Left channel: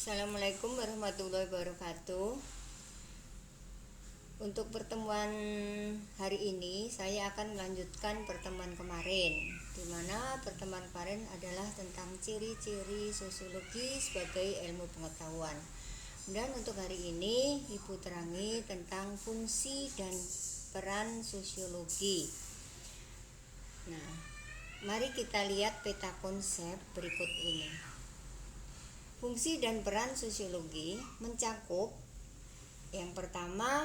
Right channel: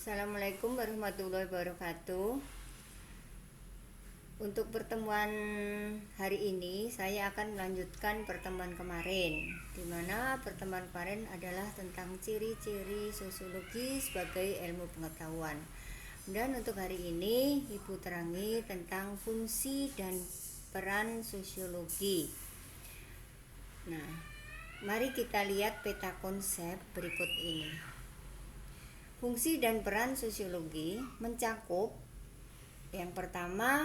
Assalamualaikum warahmatullahi wabarakatuh. Untuk pertemuan hari ini saya akan melanjutkan pertemuan kemarin, di mana pertemuan kemarin adalah tentang ciri-ciri sosiologi sebagai ilmu pengetahuan. Dan untuk hari ini Ibu terangi tentang fungsi dan peran sosiologi. Nah, mari kita lihat peta konsep berikut ini. Fungsi dan peran sosiologi mencakup yang pertama,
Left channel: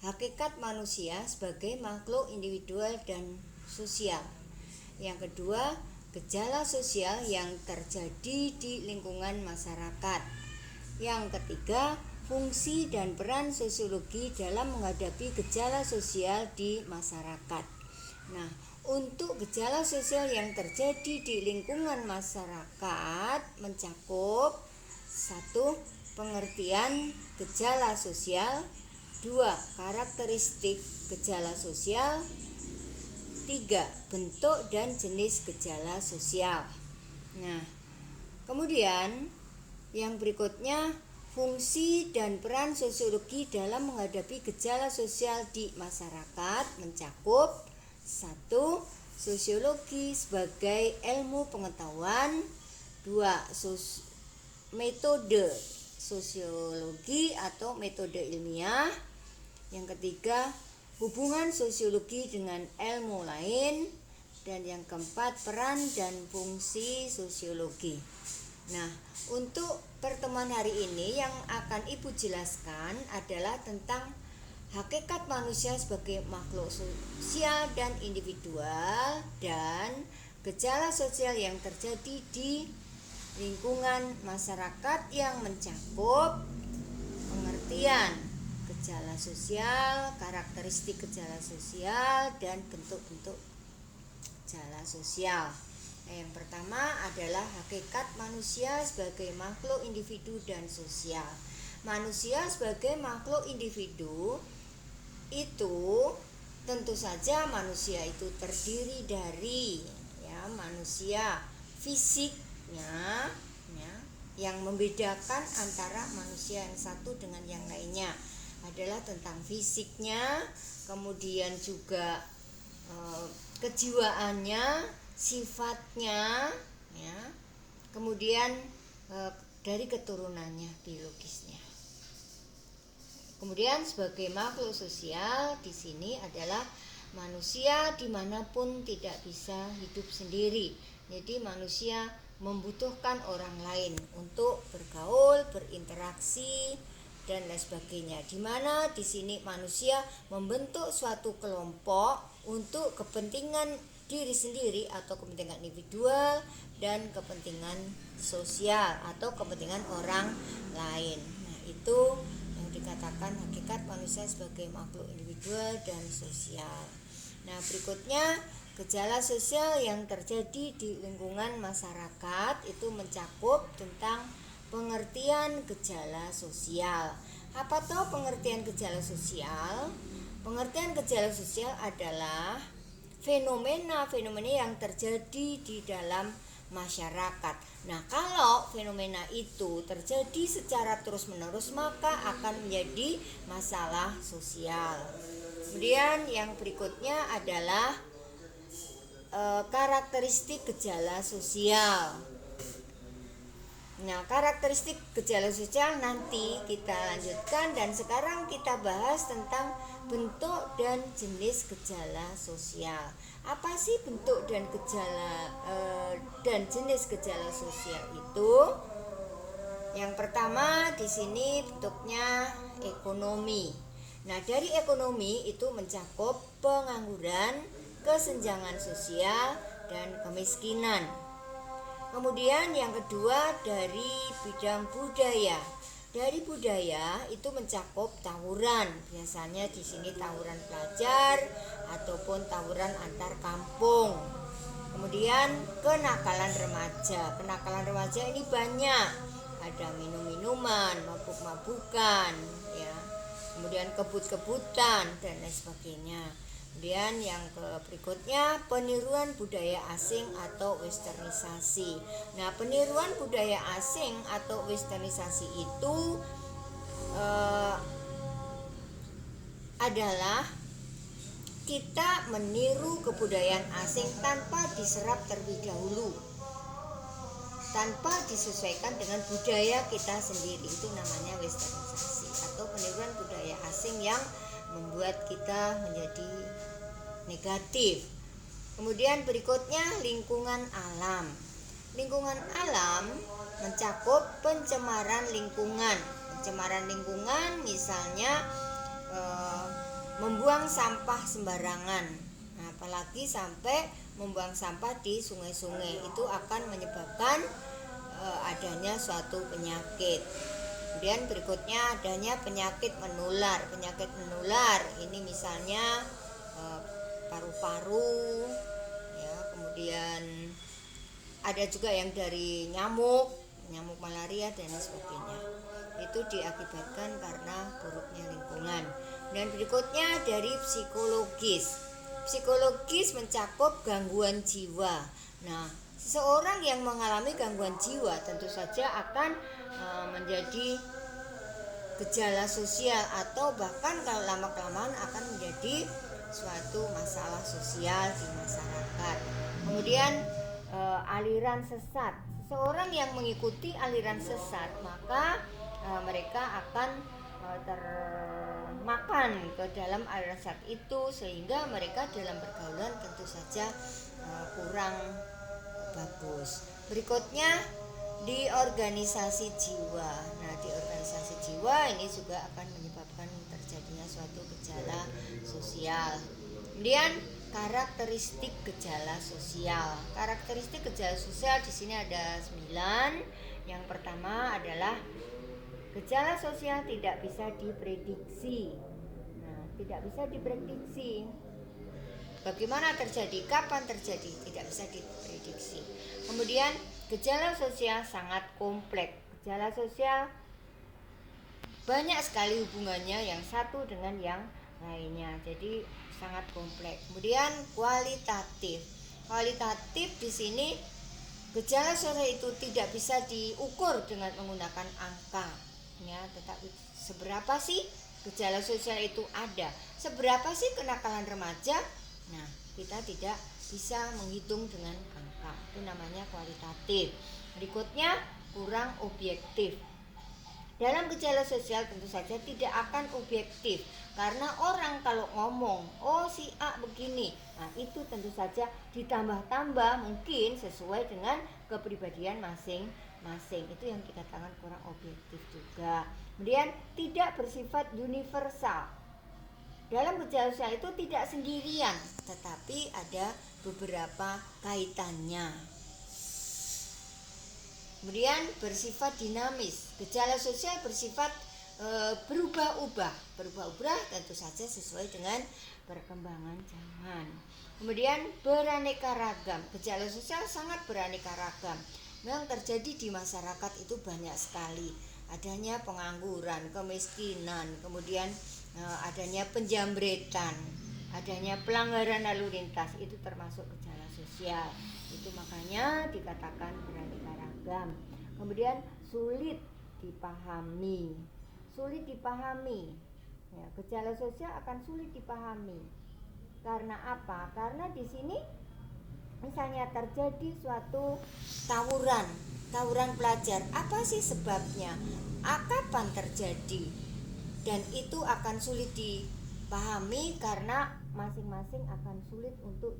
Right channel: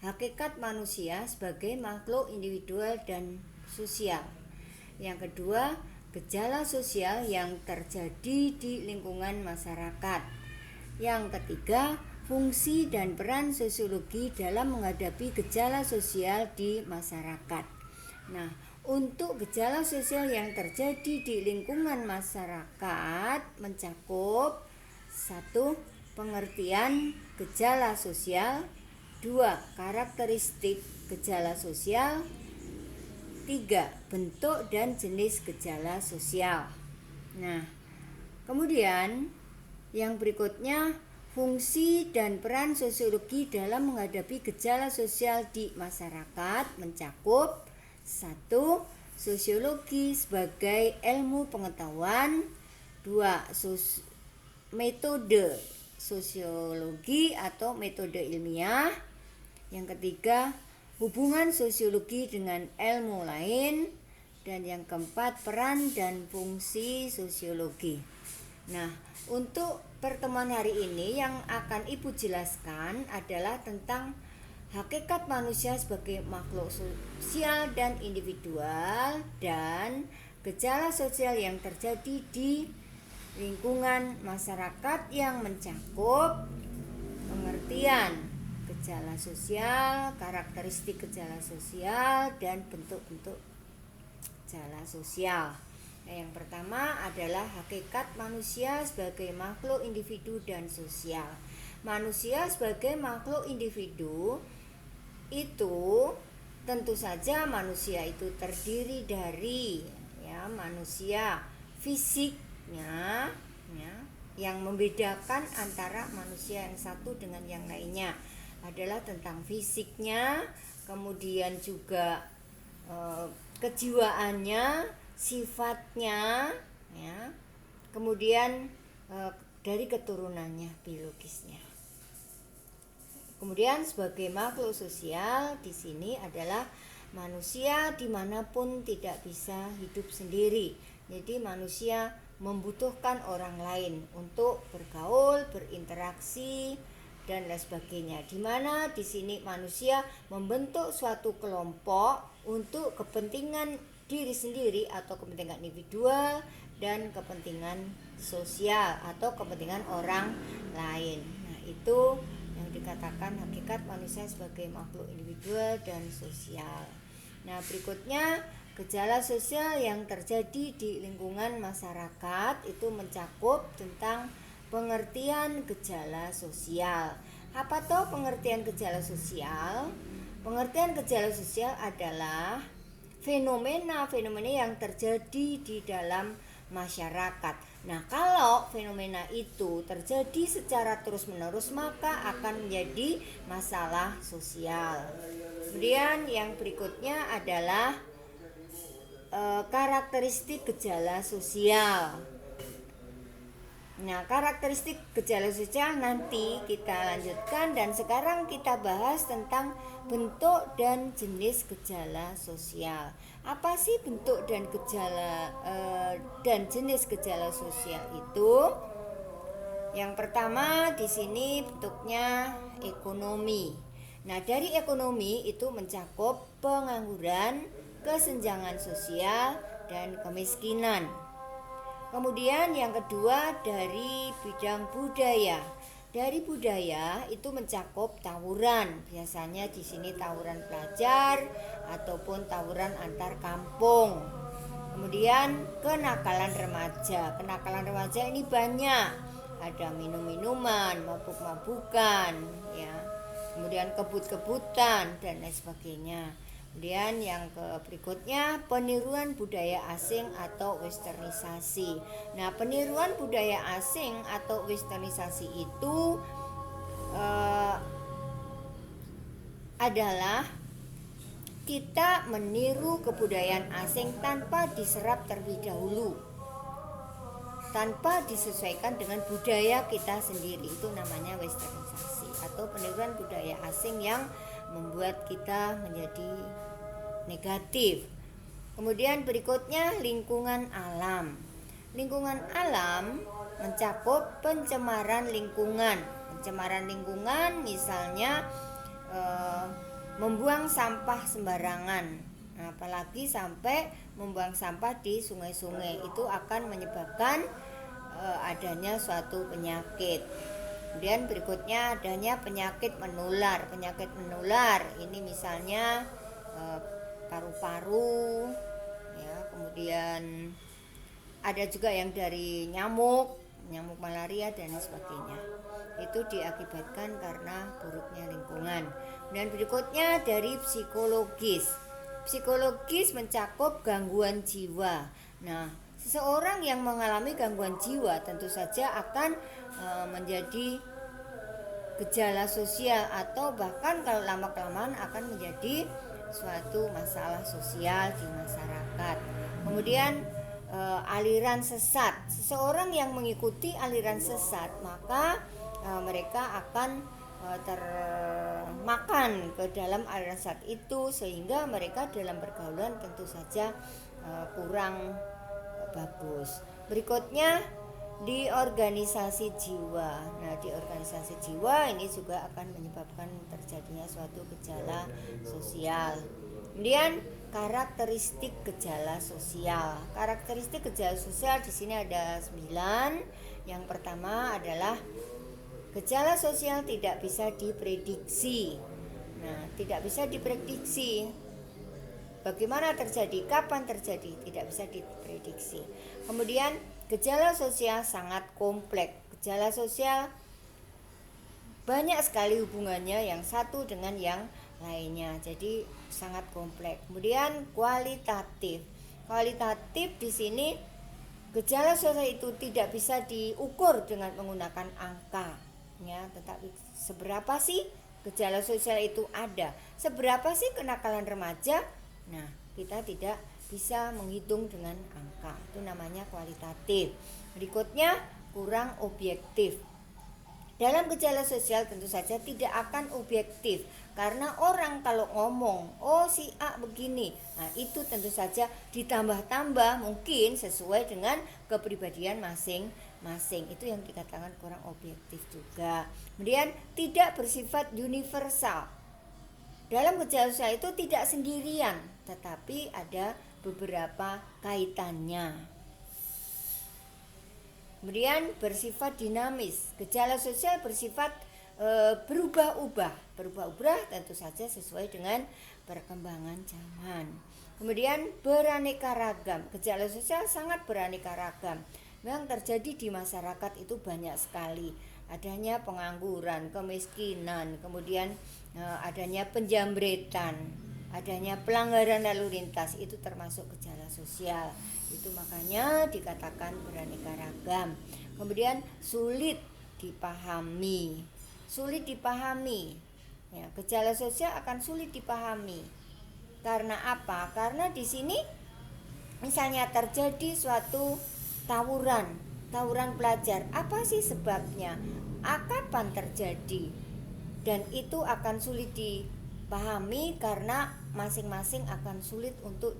hakikat manusia sebagai makhluk individual dan sosial. Yang kedua, gejala sosial yang terjadi di lingkungan masyarakat. Yang ketiga, fungsi dan peran sosiologi dalam menghadapi gejala sosial di masyarakat. Nah, untuk gejala sosial yang terjadi di lingkungan masyarakat mencakup 1. Pengertian gejala sosial. 2. Karakteristik gejala sosial. 3. Bentuk dan jenis gejala sosial. Nah, kemudian yang berikutnya, fungsi dan peran sosiologi dalam menghadapi gejala sosial di masyarakat mencakup 1. Sosiologi sebagai ilmu pengetahuan. 2. Metode sosiologi atau metode ilmiah. Yang ketiga, hubungan sosiologi dengan ilmu lain. Dan yang keempat, peran dan fungsi sosiologi. Nah, untuk pertemuan hari ini yang akan Ibu jelaskan adalah tentang hakikat manusia sebagai makhluk sosial dan individual dan gejala sosial yang terjadi di lingkungan masyarakat yang mencakup pengertian gejala sosial, karakteristik gejala sosial, dan bentuk-bentuk gejala sosial. Yang pertama adalah hakikat manusia sebagai makhluk individu dan sosial. Manusia sebagai makhluk individu itu tentu saja manusia itu terdiri dari manusia fisiknya, yang membedakan antara manusia yang satu dengan yang lainnya adalah tentang fisiknya, kemudian juga kejiwaannya, sifatnya, kemudian dari keturunannya, biologisnya. Kemudian sebagai makhluk sosial di sini adalah manusia dimanapun tidak bisa hidup sendiri. Jadi manusia membutuhkan orang lain untuk bergaul, berinteraksi, dan lain sebagainya. Di mana di sini manusia membentuk suatu kelompok untuk kepentingan diri sendiri atau kepentingan individual dan kepentingan sosial atau kepentingan orang lain. Nah, itu yang dikatakan hakikat manusia sebagai makhluk individual dan sosial. Nah, berikutnya gejala sosial yang terjadi di lingkungan masyarakat itu mencakup tentang pengertian gejala sosial. Apa toh pengertian gejala sosial? Pengertian gejala sosial adalah fenomena-fenomena yang terjadi di dalam masyarakat. Nah, kalau fenomena itu terjadi secara terus-menerus maka akan menjadi masalah sosial. Kemudian yang berikutnya adalah karakteristik gejala sosial. Nah, karakteristik gejala sosial nanti kita lanjutkan, dan sekarang kita bahas tentang bentuk dan jenis gejala sosial. Apa sih bentuk dan gejala dan jenis gejala sosial itu? Yang pertama di sini bentuknya ekonomi. Nah, dari ekonomi itu mencakup pengangguran, kesenjangan sosial, dan kemiskinan. Kemudian yang kedua dari bidang budaya. Dari budaya itu mencakup tawuran. Biasanya di sini tawuran pelajar ataupun tawuran antar kampung. Kemudian kenakalan remaja. Kenakalan remaja ini banyak. Ada minum-minuman, mabuk-mabukan, kemudian kebut-kebutan dan lain sebagainya. Kemudian yang berikutnya peniruan budaya asing atau westernisasi. Nah, peniruan budaya asing atau westernisasi itu adalah kita meniru kebudayaan asing tanpa diserap terlebih dahulu, tanpa disesuaikan dengan budaya kita sendiri. Itu namanya westernisasi atau peniruan budaya asing yang membuat kita menjadi negatif. Kemudian berikutnya lingkungan alam. Lingkungan alam mencakup pencemaran lingkungan. Pencemaran lingkungan misalnya membuang sampah sembarangan. Nah, apalagi sampai membuang sampah di sungai-sungai, itu akan menyebabkan adanya suatu penyakit. Kemudian berikutnya adanya penyakit menular. Penyakit menular ini misalnya paru-paru, ya, kemudian ada juga yang dari nyamuk malaria dan sebagainya. Itu diakibatkan karena buruknya lingkungan. Dan berikutnya dari psikologis. Psikologis mencakup gangguan jiwa. Nah, seseorang yang mengalami gangguan jiwa tentu saja akan menjadi gejala sosial, atau bahkan kalau lama-kelamaan akan menjadi suatu masalah sosial di masyarakat. Kemudian aliran sesat. Seseorang yang mengikuti aliran sesat, maka mereka akan termakan ke dalam aliran sesat itu, sehingga mereka dalam pergaulan tentu saja kurang bagus. Berikutnya di organisasi jiwa. Nah, di organisasi jiwa ini juga akan menyebabkan terjadinya suatu gejala sosial. Kemudian karakteristik gejala sosial. Karakteristik gejala sosial di sini ada 9. Yang pertama adalah gejala sosial tidak bisa diprediksi. Nah, tidak bisa diprediksi. Bagaimana terjadi, kapan terjadi, tidak bisa diprediksi. Kemudian gejala sosial sangat kompleks. Gejala sosial banyak sekali hubungannya yang satu dengan yang lainnya, jadi sangat kompleks. Kemudian kualitatif. Kualitatif di sini gejala sosial itu tidak bisa diukur dengan menggunakan angka, ya, tetapi seberapa sih gejala sosial itu ada, seberapa sih kenakalan remaja. Nah, kita tidak bisa menghitung dengan angka, itu namanya kualitatif. Berikutnya kurang objektif. Dalam gejala sosial tentu saja tidak akan objektif, karena orang kalau ngomong, oh si A begini, nah itu tentu saja ditambah-tambah mungkin sesuai dengan kepribadian masing-masing. Itu yang dikatakan kurang objektif juga. Kemudian tidak bersifat universal. Dalam gejala sosial itu tidak sendirian, tetapi ada beberapa kaitannya. Kemudian bersifat dinamis. Gejala sosial bersifat berubah-ubah tentu saja sesuai dengan perkembangan zaman. Kemudian beraneka ragam. Gejala sosial sangat beraneka ragam. Yang terjadi di masyarakat itu banyak sekali. Adanya pengangguran, kemiskinan, kemudian adanya penjambretan, adanya pelanggaran lalu lintas, itu termasuk gejala sosial. Itu makanya dikatakan beraneka ragam. Kemudian sulit dipahami. Ya, gejala sosial akan sulit dipahami. Karena apa? Karena di sini misalnya terjadi suatu tawuran pelajar. Apa sih sebabnya? Kapan terjadi? Dan itu akan sulit dipahami karena masing-masing akan sulit untuk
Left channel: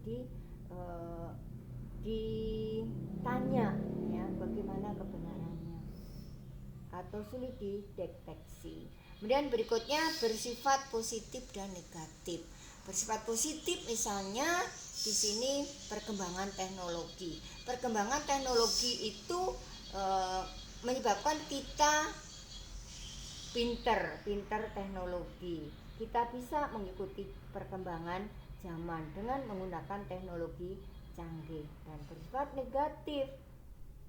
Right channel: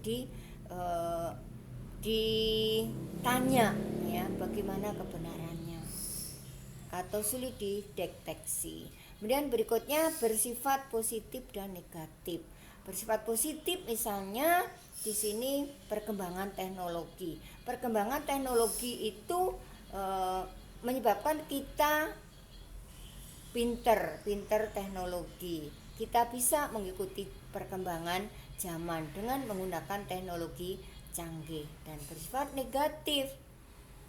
ditanya, ya, bagaimana kebenarannya, atau sulit dideteksi. Kemudian berikutnya bersifat positif dan negatif. Bersifat positif misalnya di sini perkembangan teknologi. Perkembangan teknologi itu menyebabkan kita pinter teknologi. Kita bisa mengikuti perkembangan zaman dengan menggunakan teknologi canggih. Dan bersifat negatif.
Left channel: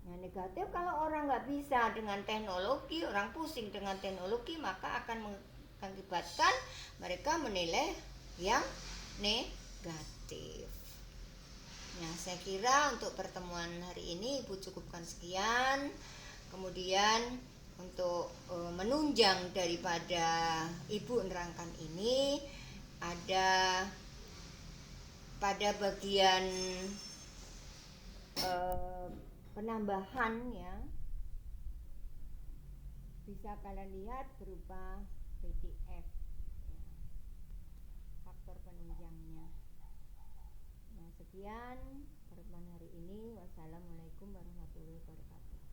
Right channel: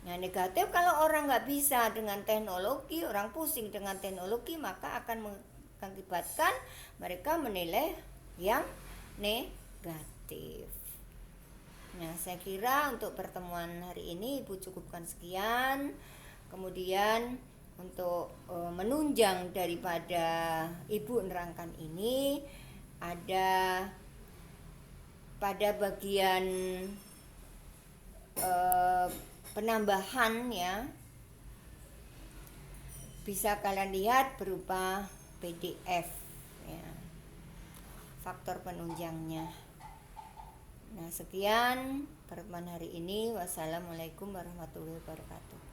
Nah, negatif kalau orang nggak bisa dengan teknologi, orang pusing dengan teknologi, maka akan mengakibatkan mereka menilai yang negatif. Nah, saya kira untuk pertemuan hari ini Ibu cukupkan sekian. Kemudian untuk menunjang daripada Ibu nerangkan ini, ada pada bagian penambahan ya, bisa kalian lihat berupa PDF ya, faktor penunjangnya. Nah, sekian pertemuan hari ini. Wassalamualaikum warahmatullahi wabarakatuh.